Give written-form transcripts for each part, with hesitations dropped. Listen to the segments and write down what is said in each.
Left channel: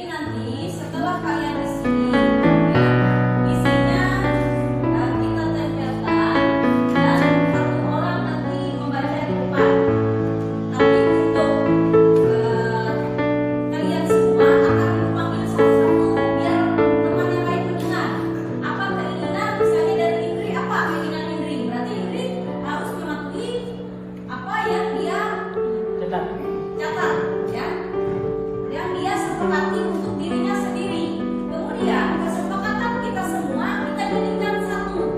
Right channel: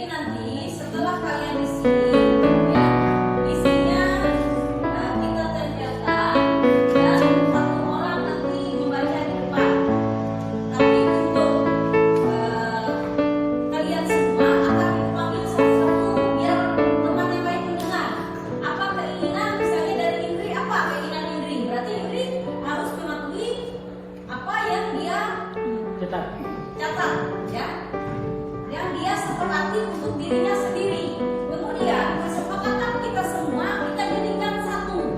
Jadi nanti setelah kalian di sini, ya, isinya kita tempelkan dan satu orang nanti membaca di depan. Tapi untuk kalian semua akan dipanggil satu-satu biar teman yang lain mendengar. Apa keinginan misalnya dari Indri, apa keinginan Indri? Berarti Indri harus mematuhi apa yang dia catat, ya. Yang dia sepakati untuk dirinya sendiri. Kemudian kesepakatan kita semua kita jadikan satu.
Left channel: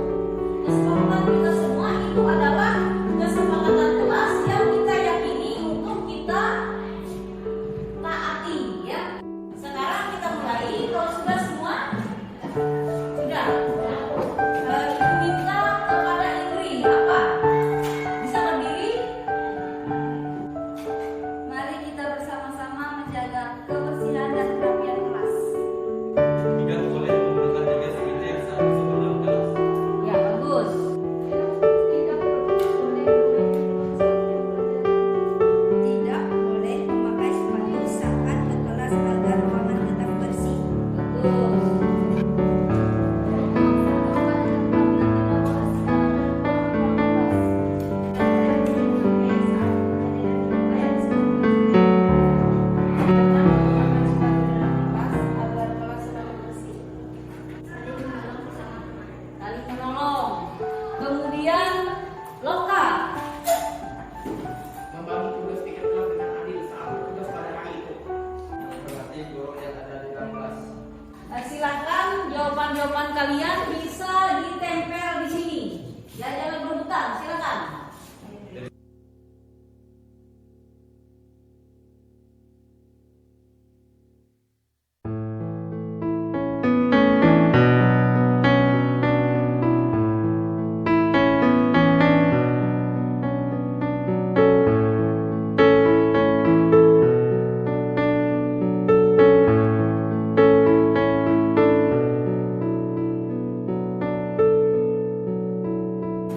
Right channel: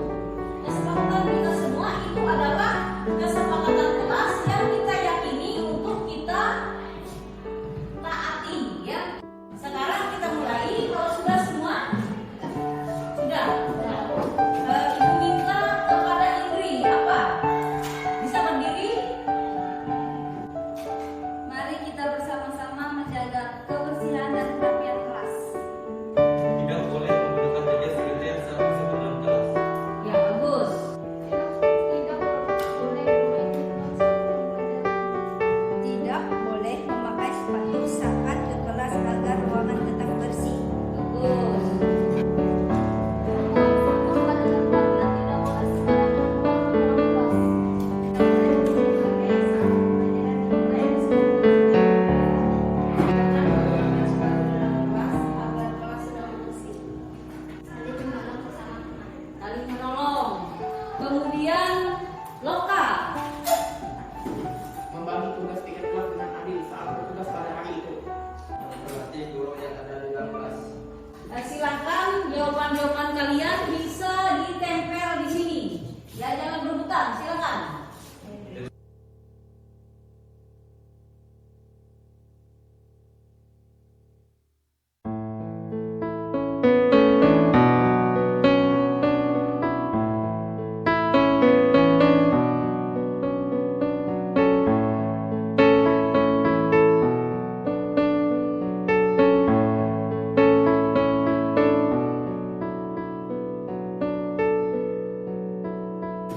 Kesepakatan kita semua itu adalah kesepakatan kelas yang kita yakini untuk kita taati, ya. Sekarang kita mulai. Kalau sudah semua, sudah. Ibu minta kepada Indri apa? Bisa berdiri? Mari kita bersama-sama menjaga kebersihan dan kerapian kelas. Tidak boleh menggunakan jaket sekretariat saat masuk ke dalam kelas. Ya, bagus. Tidak boleh memakai sepatu saat ke kelas agar ruangan tetap bersih. Bagus. Pada tempat yang tidak boleh secara Saling menolong. Kemudian lokal. Membagi tugas tiket kelas dengan adil saat bertugas pada hari itu. Melatih guru yang ada di dalam kelas. Nah, silakan jawaban-jawaban kalian bisa ditempel di sini. Ya, jangan berebutan. Silakan.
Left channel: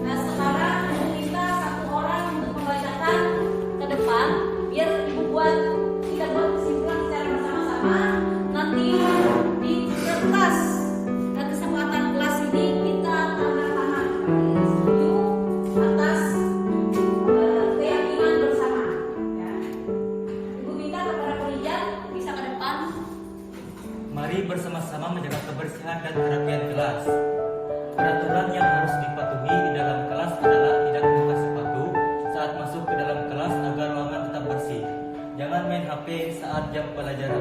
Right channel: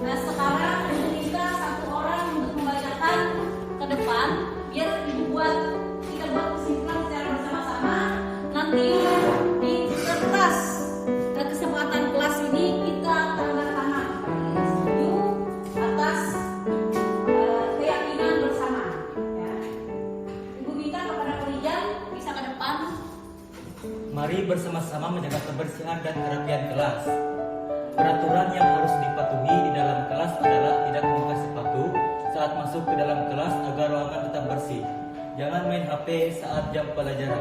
Nah, sekarang ibu minta satu orang untuk membacakan ke depan biar ibu buat kita buat kesimpulan secara bersama-sama. Nanti di kertas dan kesempatan kelas ini kita tanda tangan setuju atas keyakinan bersama. Ya. Ibu minta kepada Korijan bisa ke depan. Mari bersama-sama menjaga kebersihan dan kerapian kelas. Peraturan yang harus dipatuhi di dalam kelas adalah tidak memakai sepatu saat masuk ke dalam kelas agar ruangan tetap bersih. Jangan main HP saat jam pelajaran.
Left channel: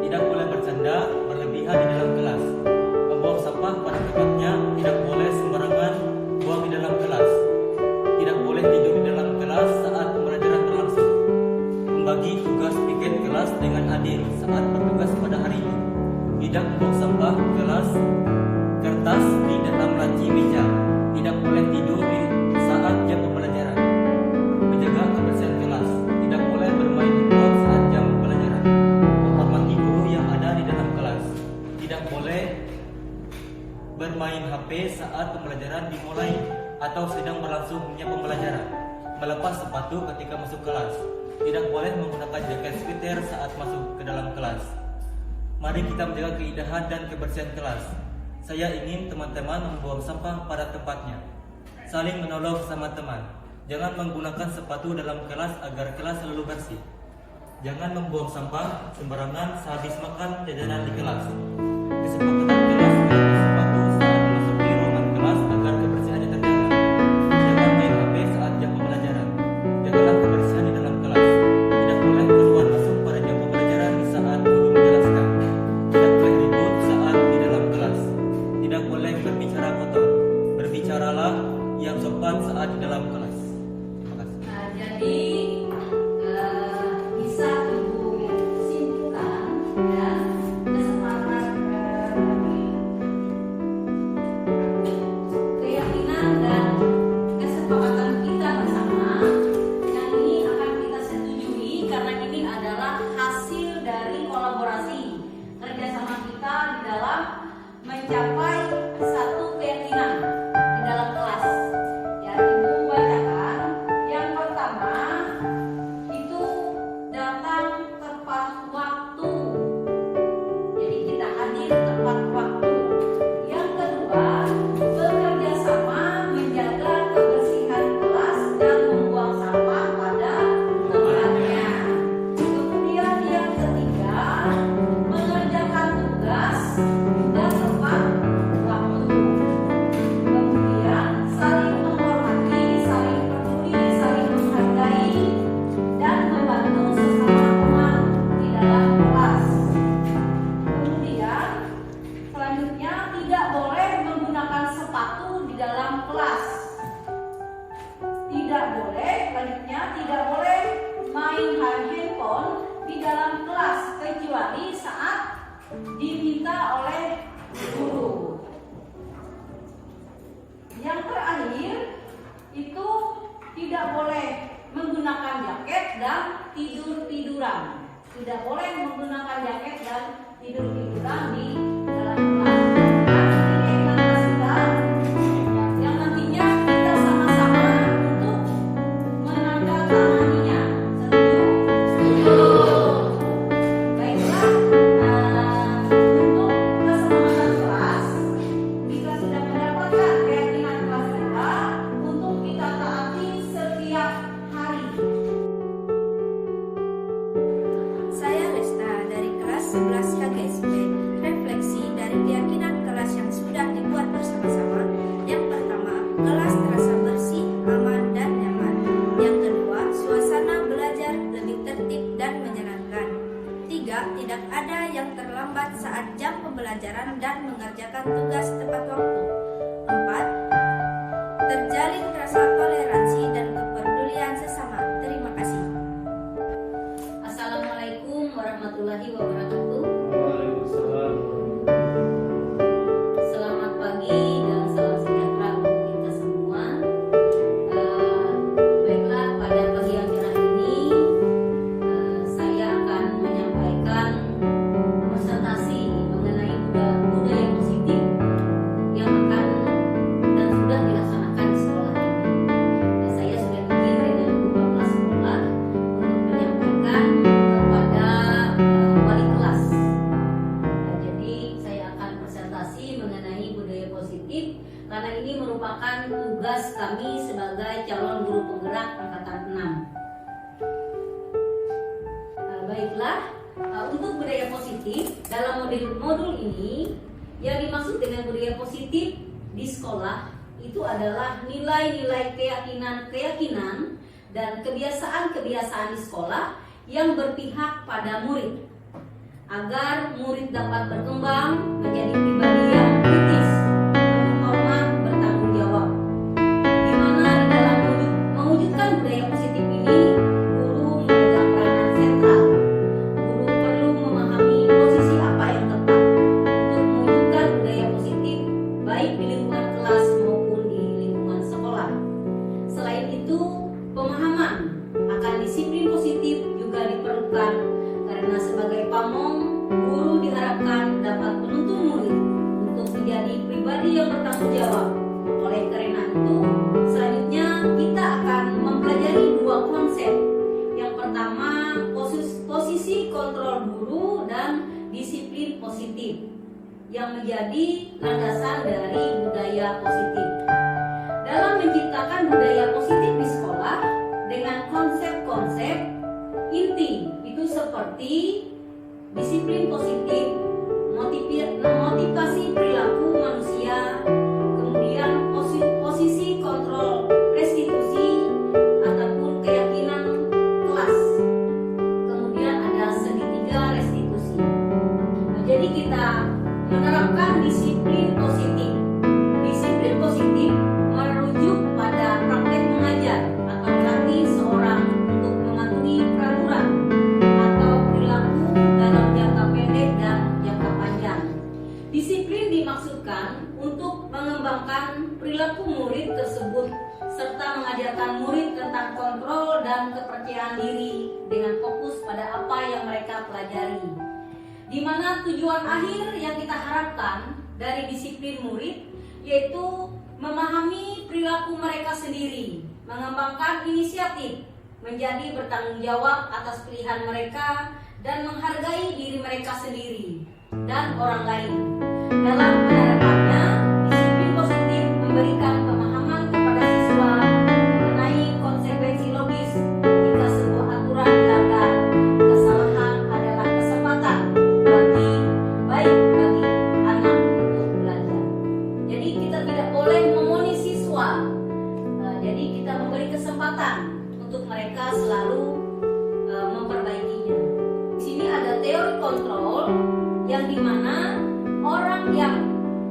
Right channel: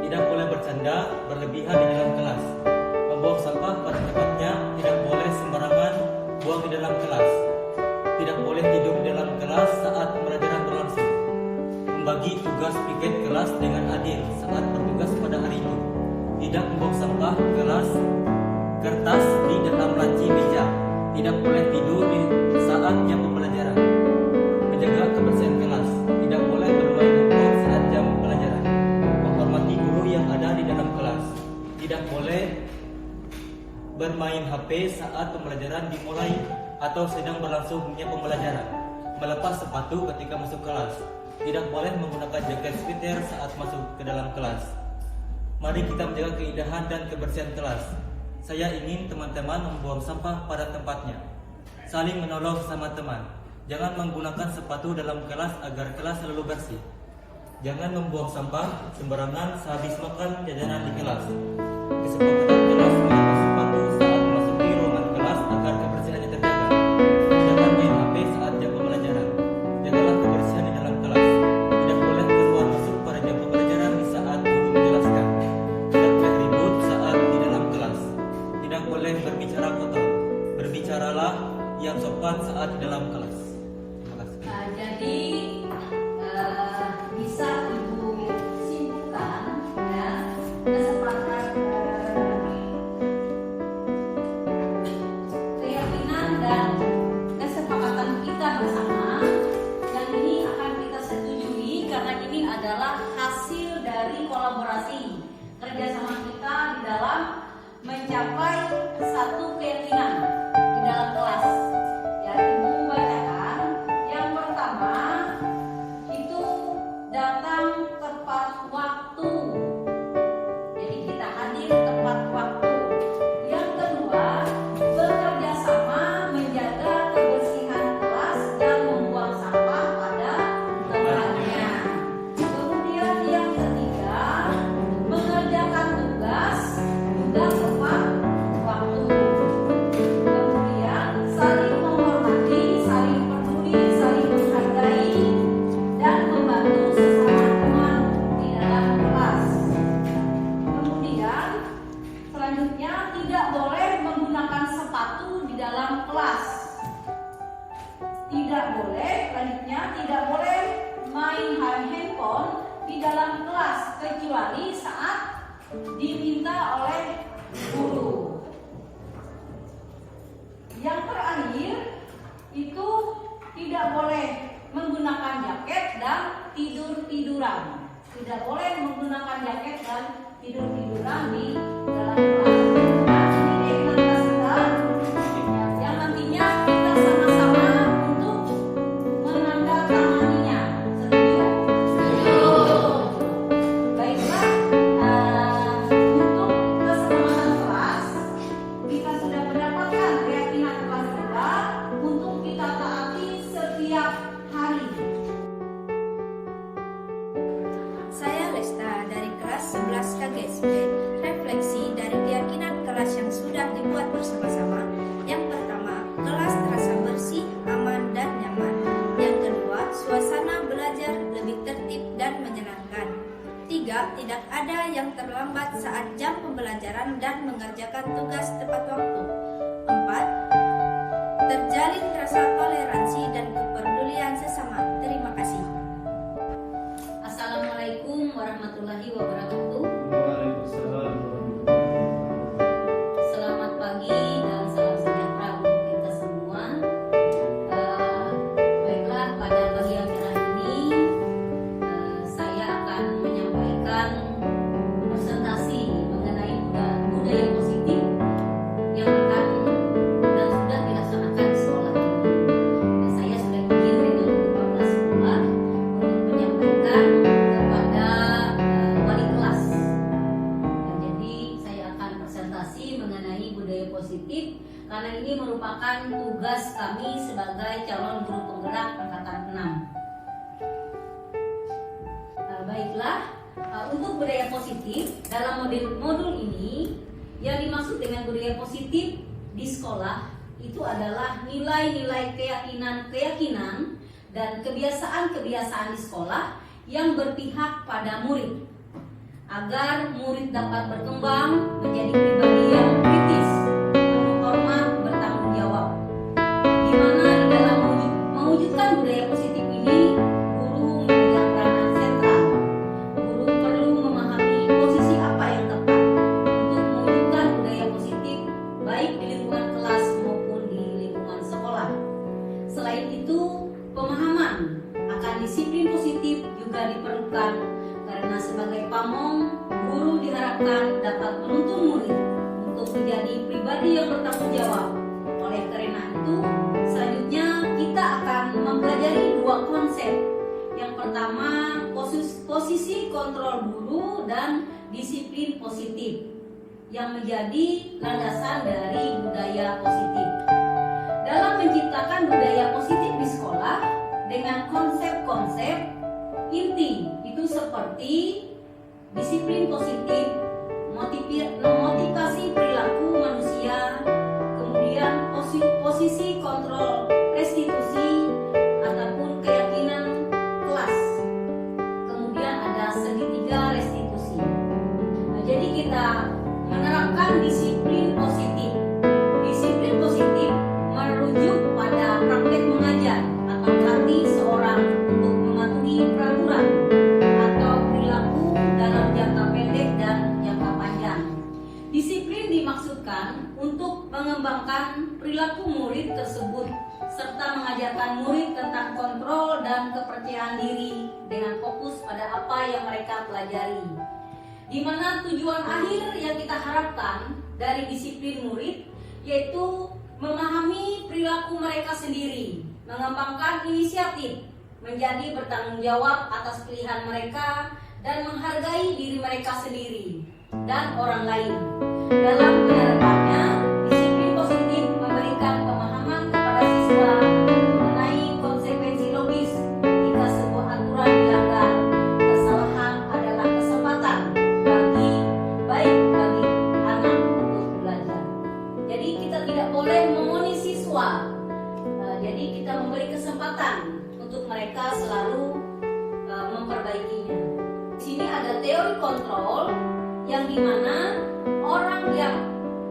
Tidak boleh bercanda berlebihan di dalam kelas. Membuang sampah pada tempatnya, tidak boleh sembarangan buang di dalam kelas. Tidak boleh tidur di dalam kelas saat pembelajaran berlangsung. Membagi tugas piket kelas dengan adil saat bertugas pada hari itu. Tidak membuang sampah kelas kertas di dalam laci meja. Tidak boleh tidur di saat jam pembelajaran. Menjaga kebersihan kelas. Tidak boleh bermain handphone saat jam pelajaran. Menghormati guru yang ada di dalam kelas. Tidak boleh bermain HP saat pembelajaran dimulai atau sedang berlangsungnya pembelajaran. Melepas sepatu ketika masuk kelas. Tidak boleh menggunakan jaket sweater saat masuk ke dalam kelas. Mari kita menjaga keindahan dan kebersihan kelas. Saya ingin teman-teman membuang sampah pada tempatnya. Saling menolong sama teman. Jangan menggunakan sepatu dalam kelas agar kelas selalu bersih. Jangan membuang sampah sembarangan sehabis makan jajanan di kelas. Kesepakatan kelas melepas sepatu saat memasuki ruangan kelas agar kebersihannya terjaga. Jangan main HP saat jam pembelajaran. Jagalah kebersihan di dalam kelas. Tidak boleh keluar masuk pada jam pembelajaran di saat guru menjelaskan. Tidak boleh ribut saat di dalam kelas. Tidak boleh berbicara kotor. Berbicaralah yang sopan saat di dalam kelas. Terima kasih. Nah, jadi bisa ibu simpulkan, ya, kesepakatan keyakinan dan kesepakatan kita bersama yang ini akan kita setujui karena ini adalah hasil dari kolaborasi kerjasama kita di dalam mencapai satu keyakinan di dalam kelas. Ya, ibu baca diminta oleh guru. Yang terakhir itu tidak boleh menggunakan jaket dan tidur-tiduran. Tidak boleh menggunakan jaket dan tidur-tiduran di dalam kelas. Ini kita yang nantinya kita sama-sama untuk menandatanganinya. Setuju? Baiklah, untuk keselamatan kelas kita sudah mendapatkan keyakinan kelas untuk kita taati setiap hari. Saya Lesta dari kelas 11 KGSB. Refleksi dari keyakinan kelas yang sudah dibuat bersama-sama. Yang pertama, kelas terasa bersih, aman, dan nyaman. Yang kedua, suasana belajar lebih tertib dan menyenangkan. 3. Tidak ada yang terlambat saat jam pembelajaran dan mengerjakan tugas tepat waktu. 4. Terjalin rasa toleransi dan kepedulian sesama. Terima kasih. Assalamualaikum warahmatullahi wabarakatuh. Waalaikumsalam. Selamat pagi dan salam sejahtera untuk kita semua. Baiklah, pada pagi yang cerah ini saya akan menyampaikan presentasi mengenai budaya positif yang akan dan sudah dilaksanakan di sekolah ini. Saya sudah dikirim dari beberapa sekolah untuk menyampaikan kepada wali kelas. Jadi saya akan presentasi mengenai budaya positif karena ini merupakan tugas kami sebagai calon guru penggerak angkatan 6. Baiklah, untuk budaya positif dalam modul ini yang dimaksud dengan budaya positif di sekolah itu adalah nilai-nilai keyakinan dan kebiasaan-kebiasaan di sekolah yang berpihak pada murid agar murid dapat berkembang menjadi pribadi yang kritis, penuh hormat, bertanggung jawab. Di mana di dalam mewujudkan budaya positif ini, guru memegang peranan sentral. Guru perlu memahami posisi apa yang tepat untuk mewujudkan budaya positif baik di lingkungan kelas maupun di lingkungan sekolah. Selain itu, pemahaman akan disiplin positif juga diperlukan karena sebagai pamong, guru diharapkan dapat menuntun murid untuk menjadi pribadi yang bertanggung jawab. Oleh karena itu, selanjutnya kita akan mempelajari dua konsep. Yang pertama, posisi kontrol guru dan disiplin positif yang menjadi landasan dari budaya positif. Dalam menciptakan budaya positif di sekolah dengan konsep-konsep inti itu seperti disiplin positif, motivasi perilaku manusia, kemudian posisi kontrol restitusi ataupun keyakinan kelas, kemudian ada segitiga restitusi. Jadi kita menerapkan disiplin positif. Disiplin positif merujuk pada praktek mengajar atau melatih seorang untuk mematuhi peraturan atau perilaku dalam jangka pendek dan jangka panjang. Disiplin dimaksudkan untuk mengembangkan perilaku murid tersebut serta mengajarkan murid tentang kontrol dan kepercayaan diri dengan fokus pada apa yang mereka pelajari. Di mana tujuan akhir yang kita harapkan dari disiplin murid yaitu memahami perilaku mereka sendiri, mengembangkan inisiatif, menjadi bertanggung jawab atas pilihan mereka dan menghargai diri mereka sendiri dan orang lain. Dalam penerapannya, disiplin positif memberikan pemahaman kepada siswa mengenai konsekuensi logis jika sebuah aturan dilanggar. Kesalahan adalah kesempatan bagi anak untuk belajar. Jadi kita tidak boleh memonis siswa. Jadi kita memberi kesempatan untuk mereka selalu memperbaikinya. Di sini ada teori kontrol yang dimana orang yang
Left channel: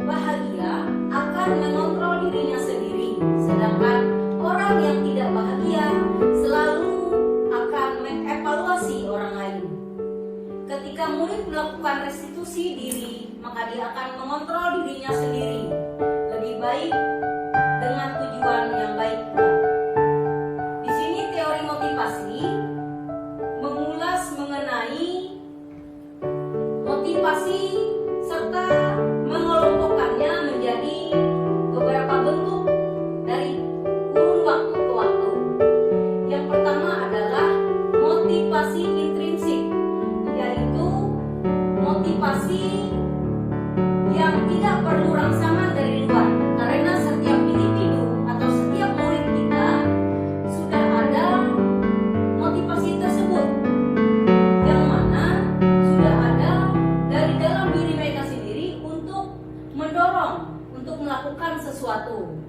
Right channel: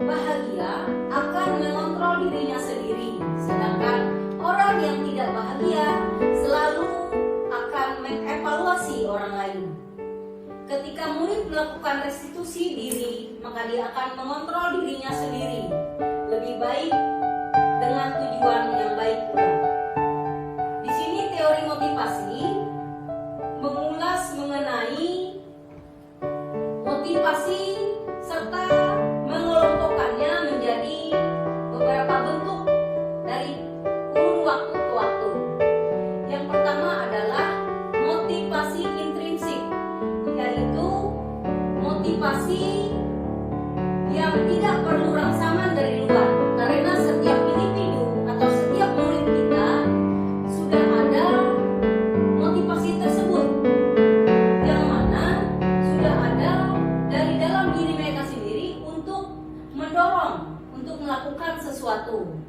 bahagia akan mengontrol dirinya sendiri, sedangkan orang yang tidak bahagia selalu akan mengevaluasi orang lain. ketika murid melakukan restitusi diri, maka dia akan mengontrol dirinya sendiri lebih baik dengan tujuan yang baik pula. Di sini teori motivasi mengulas mengenai motivasi serta mengelompokkannya menjadi beberapa bentuk dari kurun waktu ke waktu. Yang pertama adalah motivasi intrinsik, yaitu motivasi yang tidak perlu rangsangan dari luar, karena setiap individu atau setiap murid kita sudah ada motivasi tersebut, yang mana sudah ada dari dalam diri mereka sendiri untuk mendorong untuk melakukan sesuatu.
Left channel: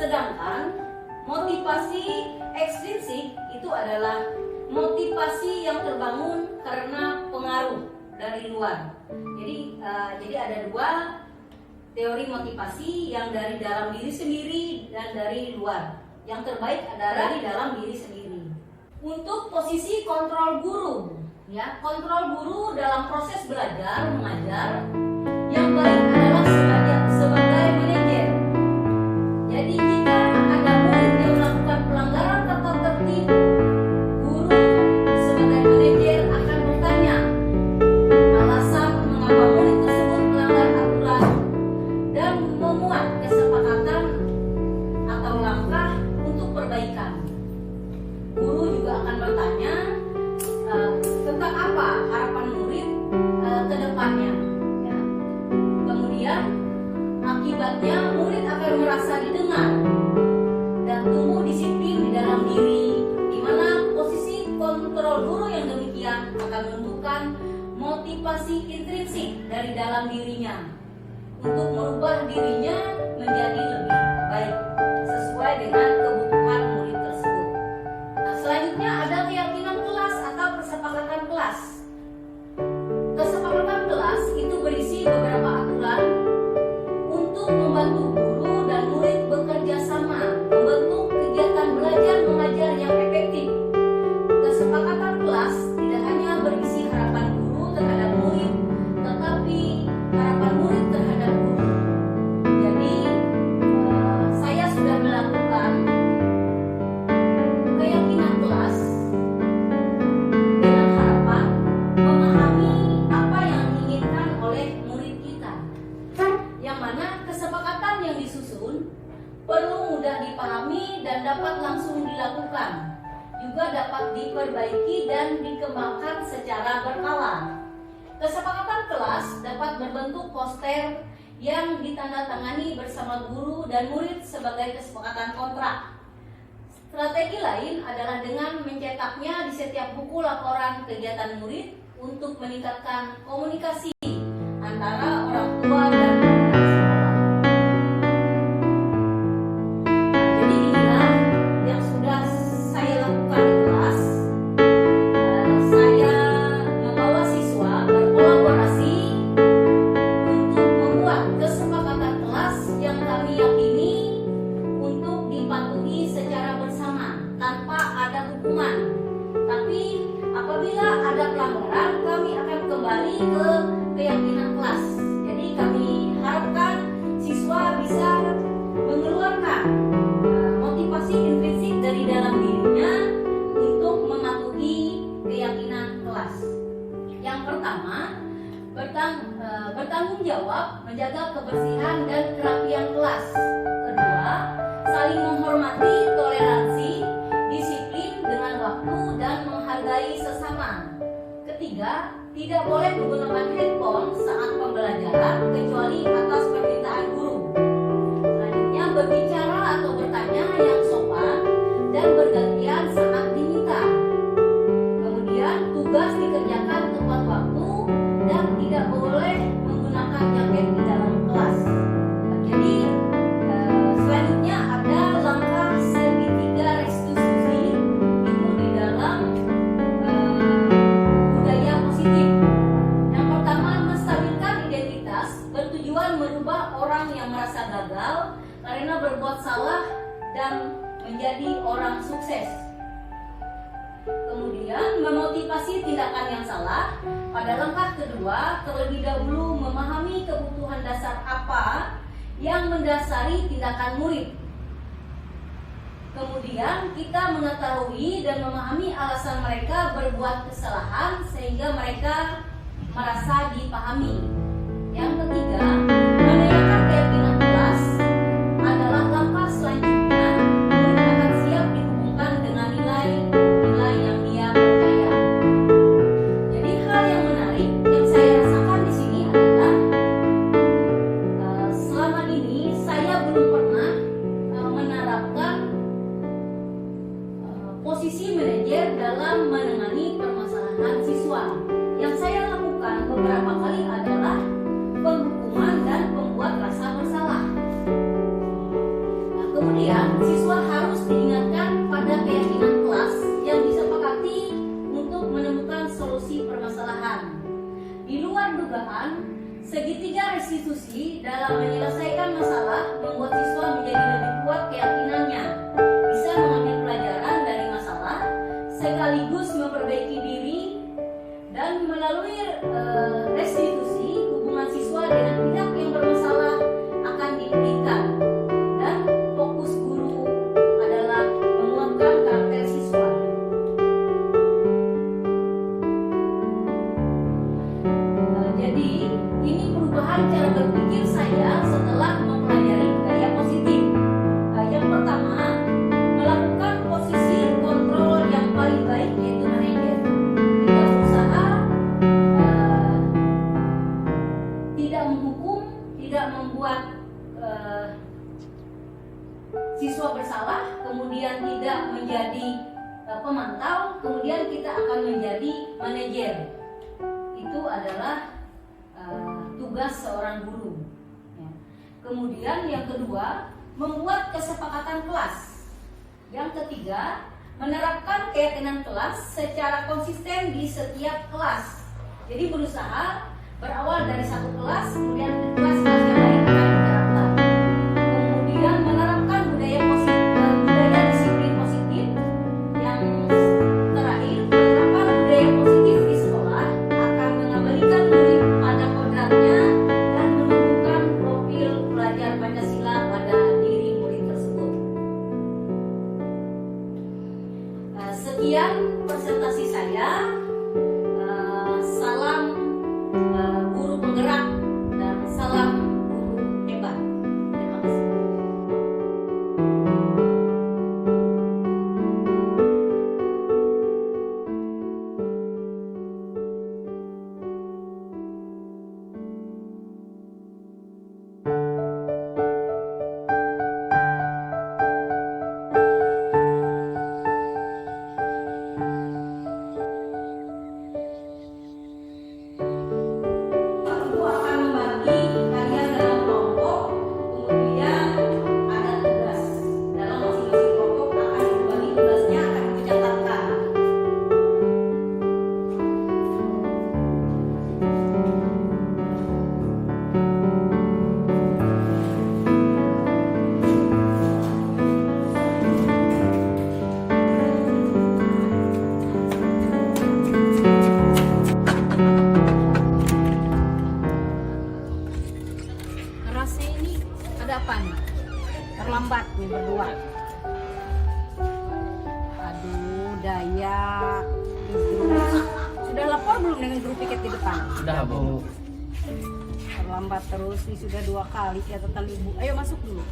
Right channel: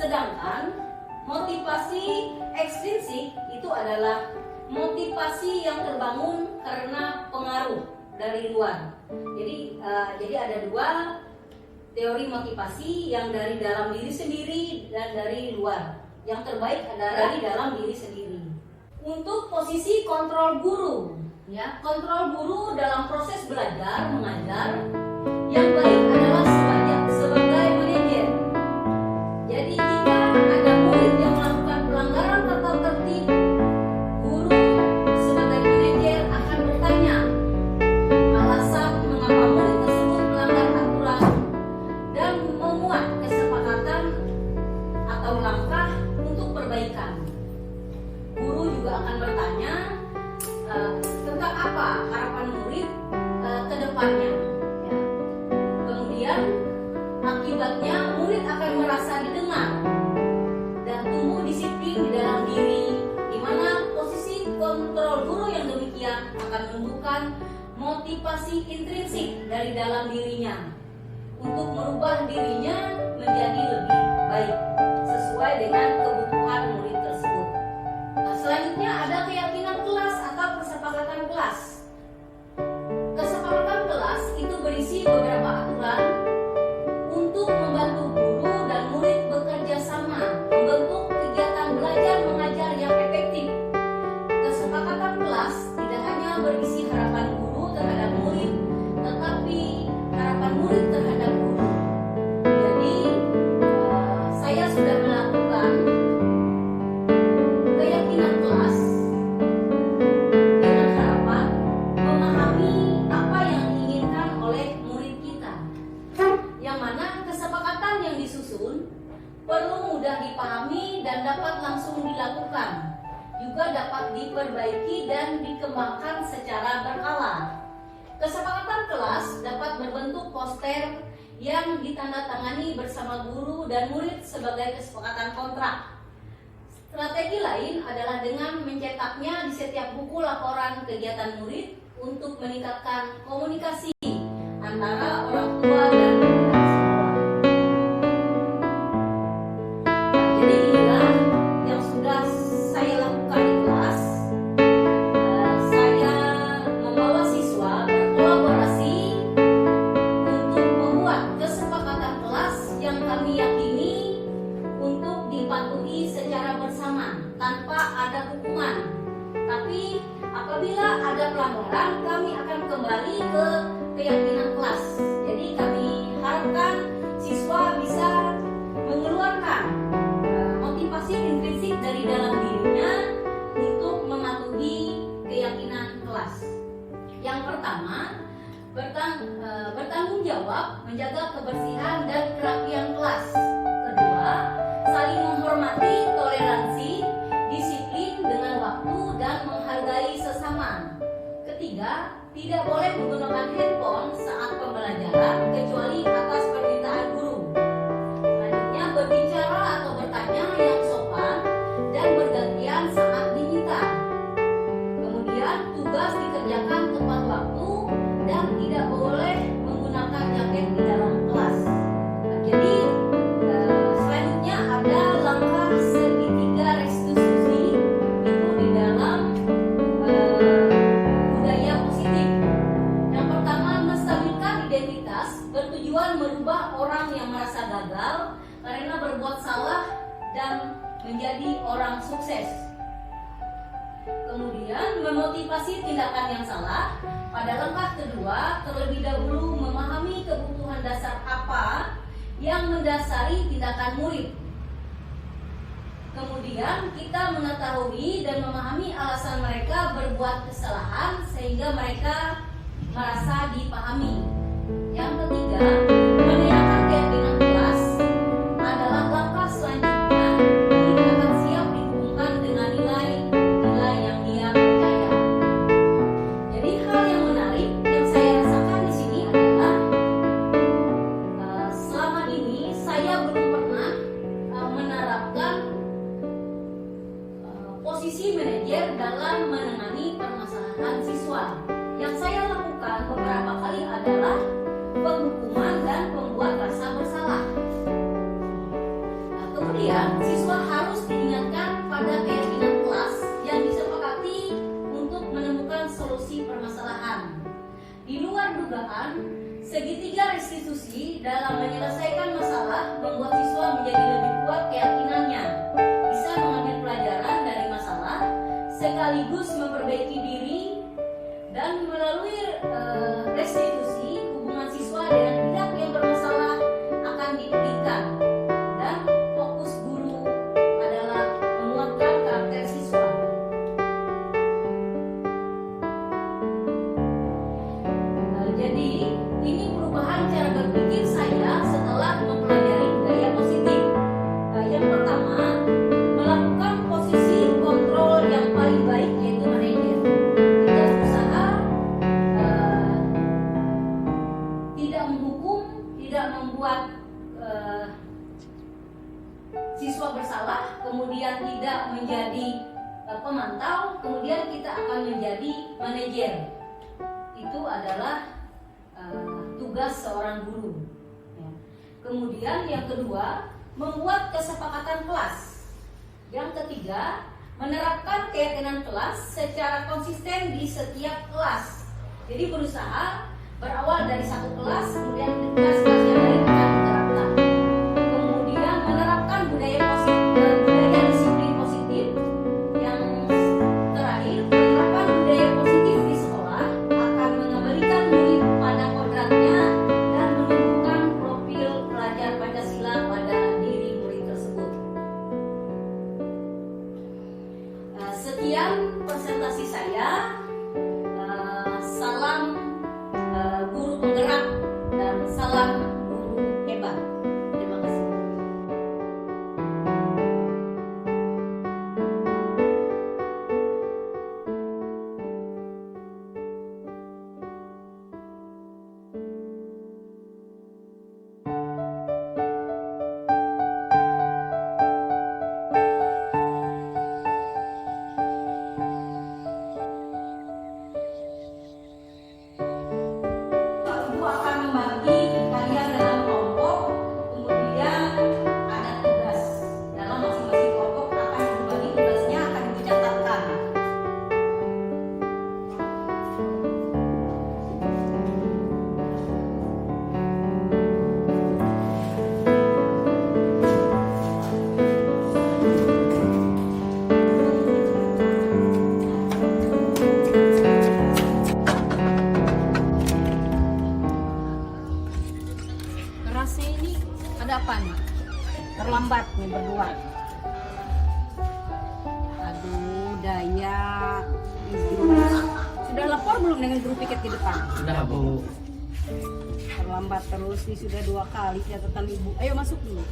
Sedangkan motivasi ekstrinsik itu adalah motivasi yang terbangun karena pengaruh dari luar. Jadi ada dua teori motivasi, yang dari dalam diri sendiri dan dari luar. Yang terbaik adalah dari dalam diri sendiri. Untuk posisi kontrol guru, ya, kontrol guru dalam proses belajar mengajar yang baik adalah sebagai manajer. Jadi jika ada murid yang melakukan pelanggaran tata tertib, guru sebagai manajer akan bertanya alasan mengapa murid tersebut melanggar aturan dan memuat kesepakatan atau langkah untuk perbaikan. Guru juga akan bertanya tentang apa harapan murid ke depannya. Ya. Kemudian akibatnya murid akan merasa didengar dan tumbuh disiplin di dalam diri, di mana posisi kontrol guru yang demikian akan menumbuhkan motivasi intrinsik dari dalam dirinya untuk merubah dirinya menjadi lebih baik sesuai dengan kebutuhan murid tersebut. Selanjutnya ada keyakinan kelas atau kesepakatan kelas. Kesepakatan kelas itu berisi beberapa aturan untuk membantu guru dan murid bekerja sama, membentuk kegiatan belajar mengajar yang efektif. Kesepakatan kelas tidak hanya berisi harapan guru terhadap murid, tetapi harapan murid terhadap guru. Jadi saya sudah melakukan keyakinan kelas dengan harapan memahami apa yang diinginkan oleh murid kita, yang mana kesepakatan yang disusun perlu mudah dipahami dan dapat langsung dilakukan, juga dapat diperbaiki dan dikembangkan secara berkala. Kesepakatan kelas dapat berbentuk poster yang ditandatangani bersama guru dan murid sebagai kesepakatan kontrak. Strategi lain adalah dengan mencetaknya di setiap buku laporan kegiatan murid untuk meningkatkan komunikasi antara orang tua dan sekolah. Jadi inilah yang sudah saya lakukan di kelas. Saya membawa siswa berkolaborasi untuk membuat kesepakatan kelas yang kami yakini untuk dipatuhi secara bersama tanpa ada hukuman. Tapi apabila ada pelanggaran, kami akan kembali ke keyakinan kelas. Jadi kami harapkan siswa bisa mengeluarkan motivasi intrinsik dari dalam dirinya untuk mematuhi keyakinan kelas. Yang pertama, bertanggung jawab menjaga kebersihan dan kerapian kelas. Kedua, saling menghormati, toleransi, disiplin dengan waktu dan menghargai sesama. Ketiga, tidak boleh menggunakan handphone saat pembelajaran kecuali atas permintaan guru. Selanjutnya, berbicara atau bertanya yang sopan dan bergantian saat diminta. Kemudian, tugas dikerjakan tepat waktu dan tidak boleh menggunakan gadget di dalam kelas. Nah, jadi selanjutnya ada langkah segitiga restitusi itu di dalam budaya positif. Yang pertama, menstabilkan identitas bertujuan merubah orang yang merasa gagal karena berbuat salah dan menjadi orang sukses. Kemudian memotivasi tindakan yang salah. Pada langkah kedua, terlebih dahulu memahami kebutuhan dasar apa yang mendasari tindakan murid. Kemudian kita mengetahui dan memahami alasan mereka berbuat kesalahan sehingga mereka merasa dipahami. Yang ketiga, menanyakan keyakinan kelas adalah langkah selanjutnya. Murid akan siap dihubungkan dengan nilai-nilai yang dia percaya. Jadi hal yang menarik yang saya rasakan di sini adalah selama ini saya belum pernah menerapkan posisi manajer dalam menangani permasalahan siswa. Yang saya lakukan beberapa kali adalah penghukuman dan membuat rasa bersalah. Nah, kemudian siswa harus diingatkan pada keyakinan kelas yang disepakati untuk menemukan solusi permasalahan. Di luar dugaan, segitiga restitusi dalam menyelesaikan masalah membuat siswa menjadi lebih kuat keyakinannya, bisa mengambil pelajaran dari masalah, sekaligus memperbaiki diri, dan melalui restitusi hubungan siswa dengan pihak yang bermasalah akan dipulihkan, dan fokus guru adalah menguatkan karakter siswa. Jadi ini perubahan cara berpikir saya setelah mempelajari budaya positif. Yang pertama, melakukan posisi kontrol yang paling baik yaitu manajer. Kita berusaha tidak menghukum, tidak membuat siswa bersalah, kemudian tidak menjadi pemantau, kemudian kita akan menjadi manajer. Itu adalah tugas seorang guru. Kemudian yang kedua, membuat kesepakatan kelas. Yang ketiga, menerapkan keyakinan kelas secara konsisten di setiap kelas. Jadi berusaha berawal dari satu kelas, kemudian ke kelas yang lain akan diterapkan. Kemudian menerapkan budaya disiplin positif. Yang terakhir, menerapkan budaya positif di sekolah akan mengembalikan murid pada kodratnya dan menumbuhkan profil pelajar Pancasila pada diri murid tersebut. Sekian presentasi saya. Salam guru penggerak dan salam guru hebat. Terima kasih. Ibu akan membagi hanya dalam kelompok, kemudian ada tugas. Dalam masing-masing kelompok akan berbagi tugasnya, akan dicatatkan. Kerasnya ini ada apa nih? Terlambat nih berdua. Aduh, Daya, Idrus. Sudah lapor belum dengan guru piket di depan? Sudah, Bu. Terlambat terus nih, sudah 2 kali catatan ibu. Ayo masuk dulu.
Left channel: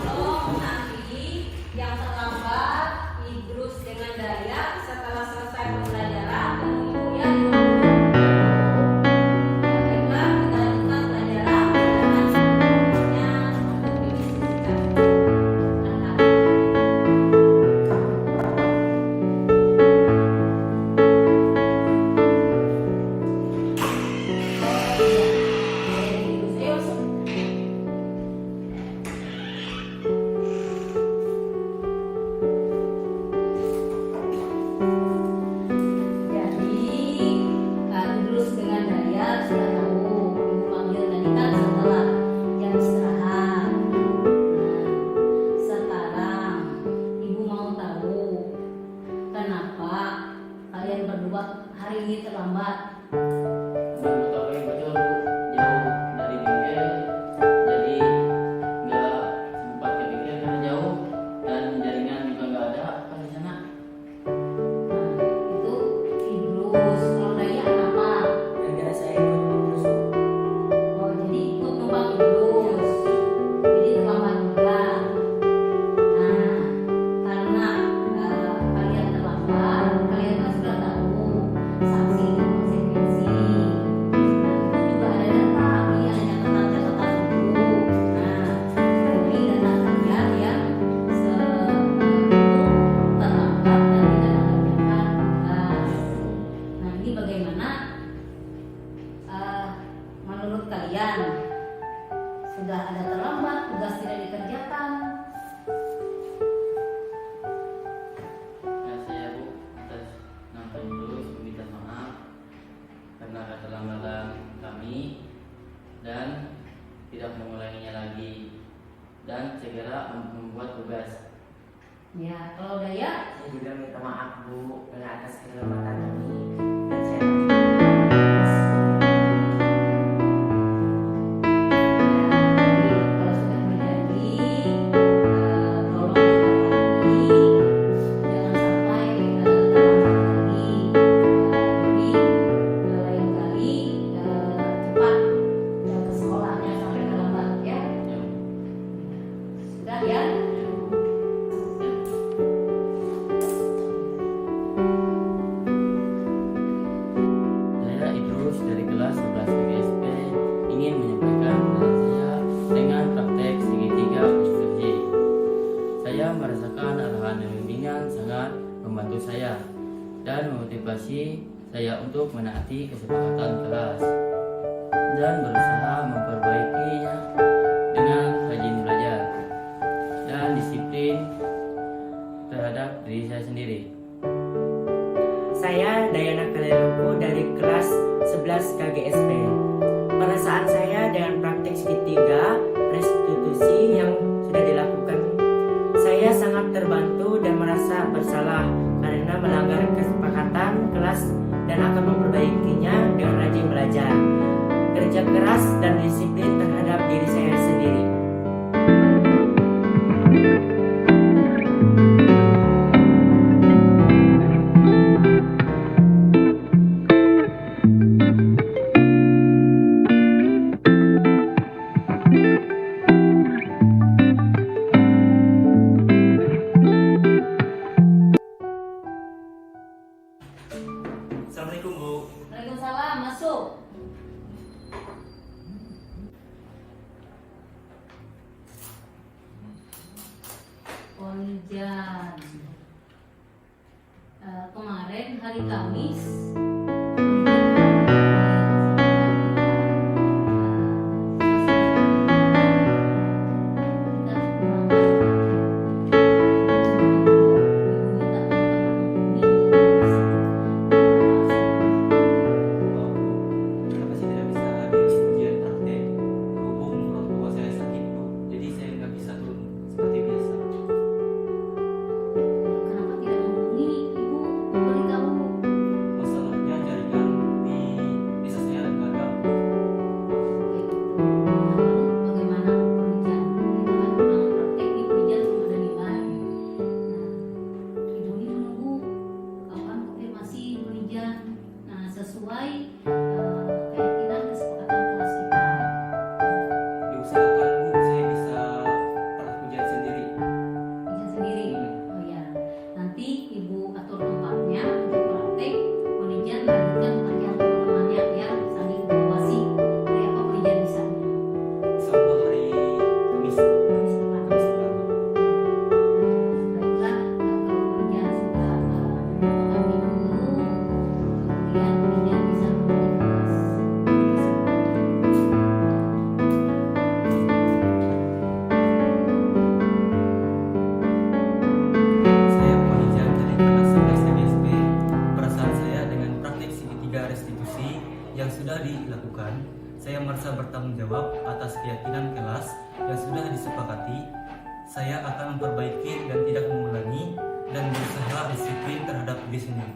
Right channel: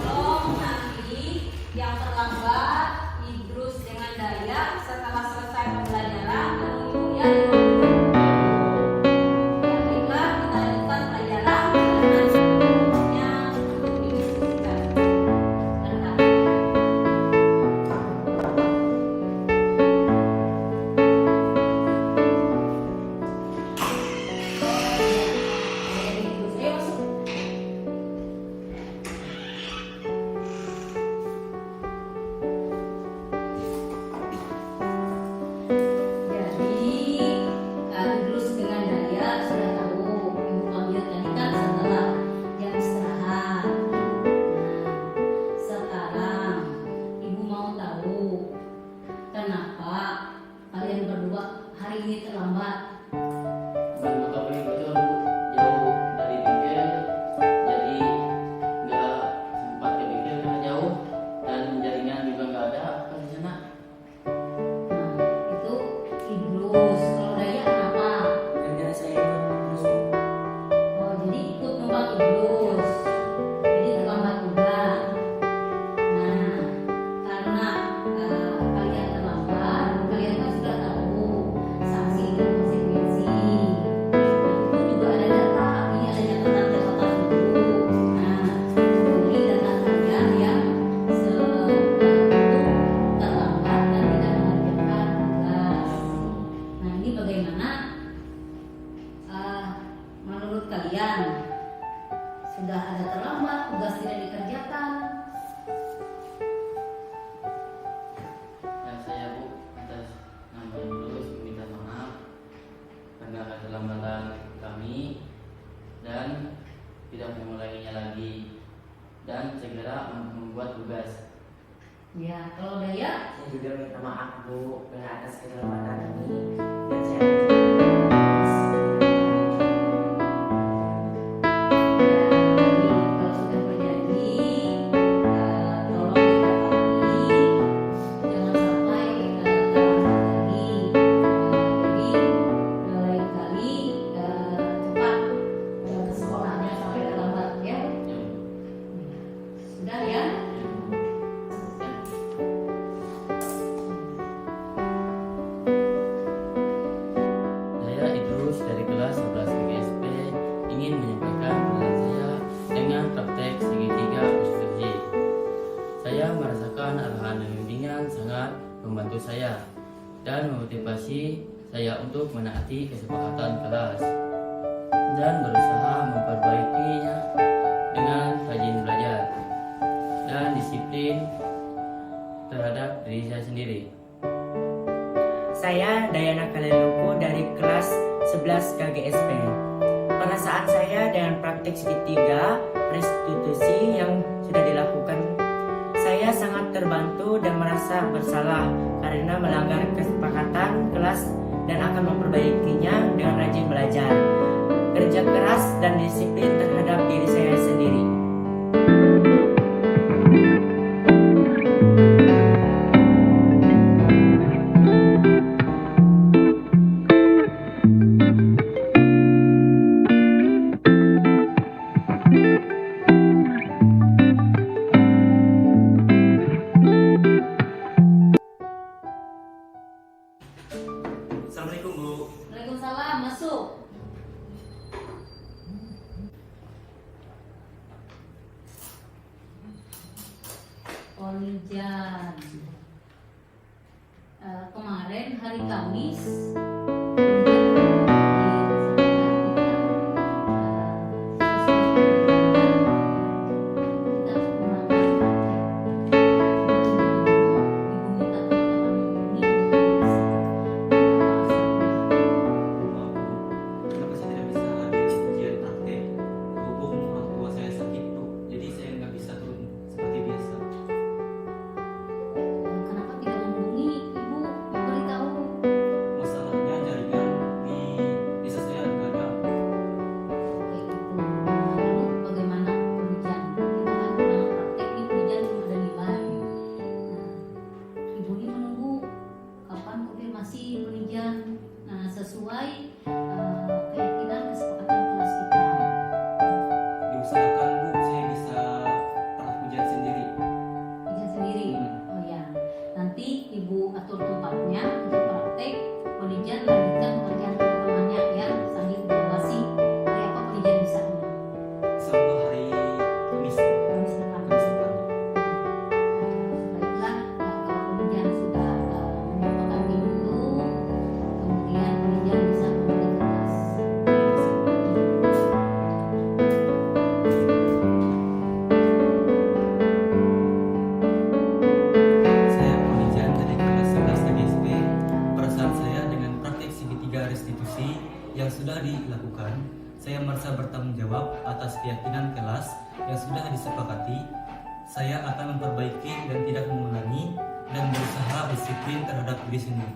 Tolong nanti yang terlambat Idrus dengan Daya setelah selesai pembelajaran menunggu ya di ruang guru. Ya, baiklah, kita lanjutkan pelajaran dengan seluruhnya untuk didiskusikan. Lihat. Idrus, ayo masuk. kalian berdua hari ini terlambat? Menurut aku yang betul Bu, jauh dari bengkel, jadi nggak sempat ke bengkel karena jauh dan jaringan juga nggak ada apa di sana. Nah, itu Idrus. Kalau Daya kenapa? Gara-gara saya ikut terus Bu. Oh, jadi ikut numpang Idrus. Jadi terlambat juga. Nah, karena kalian terlambat, kalian kan sudah tahu sanksi dan konsekuensi. Nah, itu juga ada data. Ini ada catatan buku. Nah, memenuhi data kalian yang terlambat dan tidak mengerjakan tugas. Nah, ini bagaimana? Menurut kalian sudah ada terlambat, tugas tidak dikerjakan. Dan saya Bu atas nama Idrus meminta maaf karena keterlambatan kami dan tidak mengulanginya lagi dan segera membuat tugas. Ya, kalau Daya, Saya juga minta maaf Bu karena atas keterlambatan kami dan saya kalau sudah berjanji, tolong ditepati, jangan sampai terlambat lagi. Jadi lain kali cepat ke sekolah, jangan sampai terlambat ya. Sudah ya. Saya Idrus dari kelas 11 PGSP ingin menyampaikan pengalaman saya dengan praktek segitiga usul J. Saya merasakan arahan dan bimbingan sangat membantu saya dan memotivasi saya untuk menaati kesepakatan kelas dan berusaha memperbaikinya dengan rajin belajar dan disiplin terhadap diri saya sendiri. Saya Dayana Kaleluku dari kelas 11 KGSP. Pada saat saya dengan praktik segitiga restitusi yang sudah dilakukan, saya sangat terbantu dan merasa bersalah karena melanggar kesepakatan kelas dan akan memperbaikinya dengan rajin belajar, kerja keras dan disiplin terhadap diri saya sendiri. Assalamualaikum Bu. Waalaikumsalam, masuk. Olijan. Kemarin hari Kamis Kenapa saya tidak bisa hadir di ujian praktek? Berhubung orang tua saya sakit Bu, jadi saya nggak bisa turun seperti biasa. kenapa tidak menghubungi ibu memberitahu? Masalahnya jaringan di desa saya nggak ada. Oke, itu. Lalu bagaimana pengujian? Kita kan pulang praktek nih, pengujian belum ada nilai. Nah, ibu ini menunggu kapan konfirmasi pengujian. Nah, sesuai keyakinan kesepakatan kelas kita. Diusahakan Bu, saya bisa praktek ujian sendiri. Ujian sendiri. Oh ya, nanti ibu atur tempatnya untuk praktek pengujian, lanjutkan pekerjaan teman-temannya ya, sambil mengawasi hari apa pengujian di sana. Sama hari Kamis. Kamis depan. Baiklah, kalau penelitian sudah menyepakati itu, kemudian penelitian bisa kembali ke kelas. Saya pengajar dari kelas 11 TGSP. Perasaan saya dengan praktek segitiga restitusi yang sudah dilakukan, saya merasa bertanggung jawab atas keyakinan kelas yang sudah disepakati. Saya akan memperbaiki dan tidak mengulangi dan berusaha disiplin terhadap diri sendiri.